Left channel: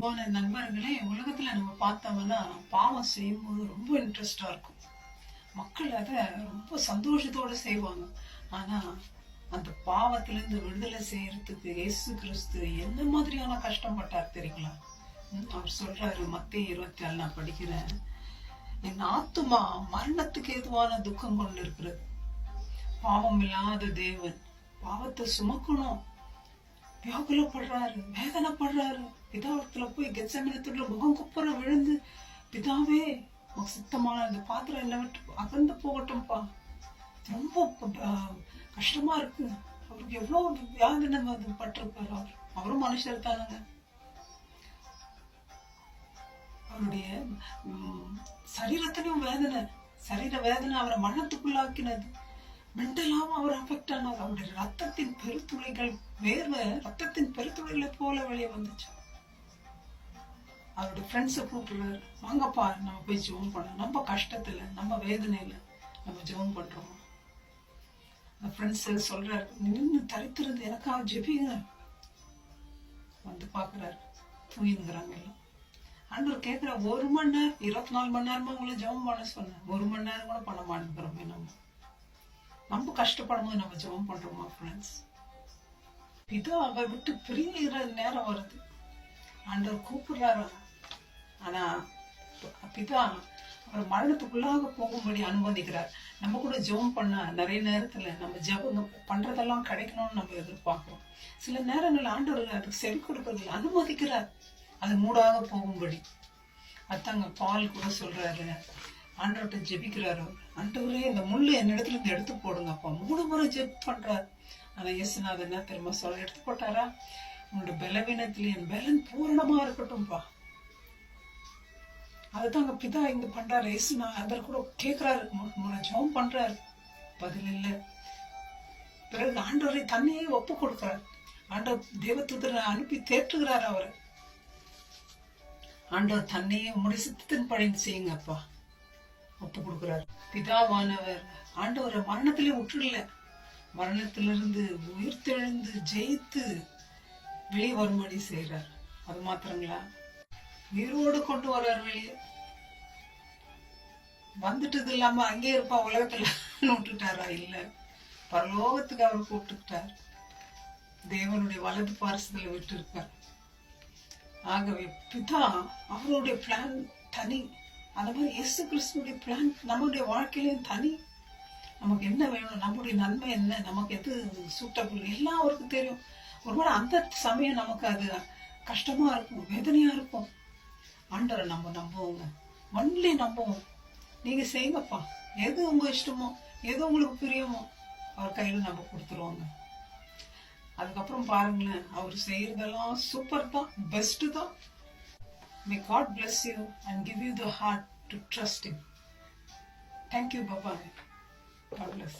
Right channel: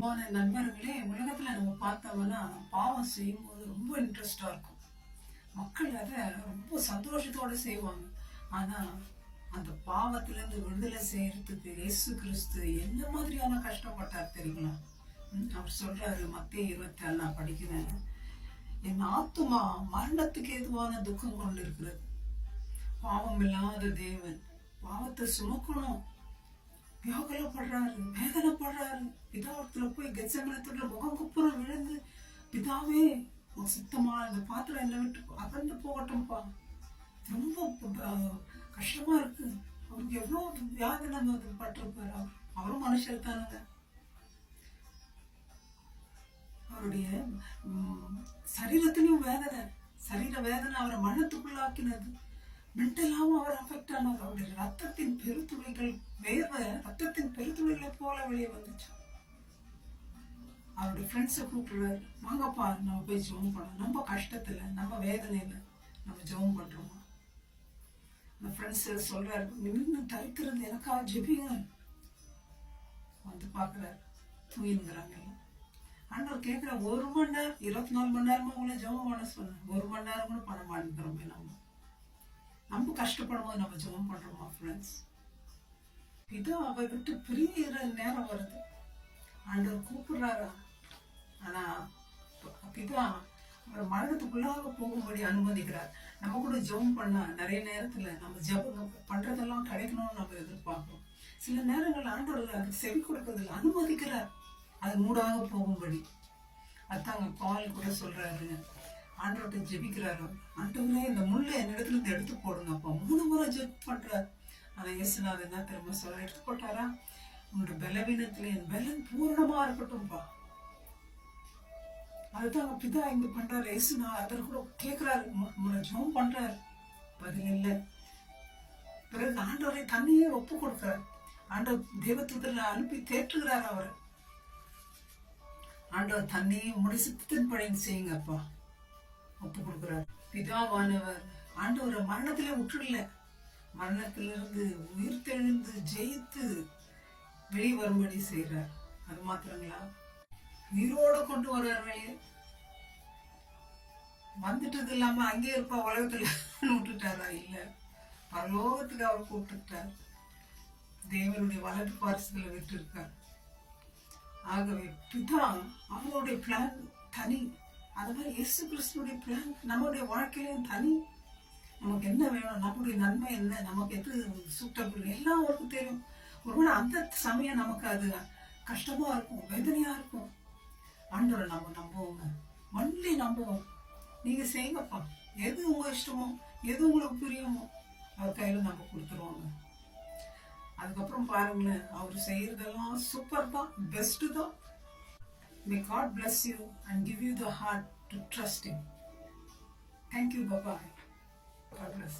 நண்பர்களே, உலகத்துல நம்ம பார்த்தோம்னா பாவம் செய்யும்போது ரொம்ப இன்ட்ரெஸ்டா இருக்கும். மக்கள் அத ரொம்ப சந்தோஷத்தோட செய்வாங்க. ஆனா அந்த பாவத்துல இருந்து விடுதலை செய்யறதுக்கு இயேசு கிறிஸ்து என்ன மாதிரியான கஷ்டப்பட்டார் தெரியுங்களா? அவர் சொல்றாரு, மத்தேயு 24 நான் படிக்கிறேன். என் ஆத்துமா மரணத்துக்கு ஏதுவான துக்கம் கொண்டு இருக்கிறது. பாவம் இல்லாத தேவன் பாவத்தை சுமக்கணும், வியாகுலப்படுறாரு, வேதனைப்படுறாரு. பிதாவத்துல போய் கெத்செமனேல முகம் குப்புற விழுந்து, பிதாவே உனக்கு சித்தமான இந்த பாத்திரம் என்ன விட்டு அகன்று போகட்டும்பா, ரொம்ப கஷ்டமா இருக்கு. அவருக்கு எவ்வளவு வேதனை பட்டிருப்பாரு. அவரும் மனுஷர் தானுங்க. அவருடைய சரீரத்திலையும் வேதனை, சரீர வேதனை அவரை மரணத்துக்குள்ளாக்கினது. மென்டலாவும் அவர் அஃபெக்ட் ஆனார். அவருடைய ரத்தத்தின் பெருத்துளைகள், வேர்வை ரத்தத்தின் பெருத்துளைகளை போல வெளியே வந்துச்சு. அவருடைய ஃப்ரெண்ட்ஸை கூப்பிடுறாரு, வாங்கப்பா நம்ம போய் ஜெபம் பண்ணலாம். நம்ம கஷ்டத்துல, நம்ம வேதனையில நம்ம ஜெபம் பண்றோமா? அந்த ஃப்ரெண்ட்ஸ் சொல்றாரு, நின்று தரித்திருந்து எனக்காக ஜெபிங்க. வந்து பாக்குறாரு, தூயின்னுங்கிறாங்க எல்லாம். ஆண்டவர் கேட்கிற, 1 மணி நேரம் 24 மணி நேரமா உங்களை ஜெபம் பண்ண சொன்னேன், 1 மணி நேரம் கூட பண்ண மாட்டேங்கிறோமே. நம்ம கஷ்டப்படும் போது நம்ம ஜெபம் பண்றோமா ஃப்ரெண்ட்ஸ்? பிதாவை விட்டு பிரிகிற நேரம் வருது. ஆண்டவர் கூப்பிடுறாரா? ஆனா பிதா அவரை மரணத்துக்குள்ளாக போகும்படி அனுமதிக்கிறார். நம்ம கூட ஜெபம் பண்ணா நிறைய நேரத்துல நம்ம ஜெபம் பண்றதெல்லாம் கிடைக்கணும்னு நம்ம எதிர்பார்க்கிறோம். சில நேரங்கள் ஆண்டவர் அதுக்கு செவி கொடுக்கறதில்ல, அனுமதிக்கிறார் அது மூடாக போகும்படி. அதாங்க பால் கூட சொல்றாரு, ஆண்டவர்கிட்ட ஜெபிக்கிறாரு, ஆண்டவரே இந்த முள்ளு என் இடத்துல இருந்து எடுத்து போடுங்கப்பா. 3 முறை ஜெப் பண்றார். ஆனா இயேசுநாதர் என்ன திரும்ப சொல்ல, எடுத்து போட்டாரா? உன்னோட பலவீனத்துல என் பலன் பூரணமா இருக்கட்டும்பா. அதுதாங்க பிதா இங்க பண்றாரு. இயேசுநாதர் கூட கேட்கிறாரு, ஜெபம் பண்றாரு, பதில் இல்லை. பிறகு ஆண்டவரை தன்னையே ஒப்பு கொடுக்கிறார். ஆண்டவர் தேவதூதரை அனுப்பி தேற்றுகிறார் அவரை. ஆண்டவர் தன்னையே உங்களுடைய சித்தத்தின் பணி செய்யுங்கப்பா ஒப்பு கொடுக்கிறார். பிதாவானவர் ஆண்டவரை மரணத்திலே விட்டுடல, மரணத்திலிருந்து உயிர்த்தெழுந்து ஜெயித்து வெளியே வரும்படி செய்யறார். அது மாத்திரங்களா, உயிரோடு கொண்டு வர்றார் வெளியே. வந்துட்டது இல்லாம அங்கே இருப்பா உலகத்துல விட்டுட்டாரா? இல்ல, பரலோகத்துக்கு அவரை கூப்பிட்டுட்டார். தேவனுடைய வலது பாரசத்துல விட்டு இருக்கார். ஆகவே பிதா அவருடைய பிளான் தனி. அந்த மாதிரி இயேசு கிறிஸ்துடைய பிளான் நம்முடைய வாழ்க்கையிலும் தனி. நமக்கு என்ன வேணும், நம்முடைய நன்மை என்ன, நமக்கு எது சூட்டபிள் எல்லாம் அவருக்கு தெரியும். ஒருவேளை அந்த சமயம் நமக்கு அது கஷ்டமா இருக்கும், வேதனையா இருக்கும். ஆண்டவரை நம்ம நம்புவோங்க, ஒன்லி நம்புவோம். நீங்க செய்யுங்கப்பா, எது உங்க இஷ்டமோ, எது உங்களுக்கு பிரியமோ அவர் கையில நம்ம கொடுத்துருவோங்க. அதுக்கப்புறம் பாருங்களேன், அவர் செய்யறதெல்லாம் சூப்பர் தான், பெஸ்ட் தான். May God bless you and give you the heart to trust Him. Thank you. Bye-bye. God bless.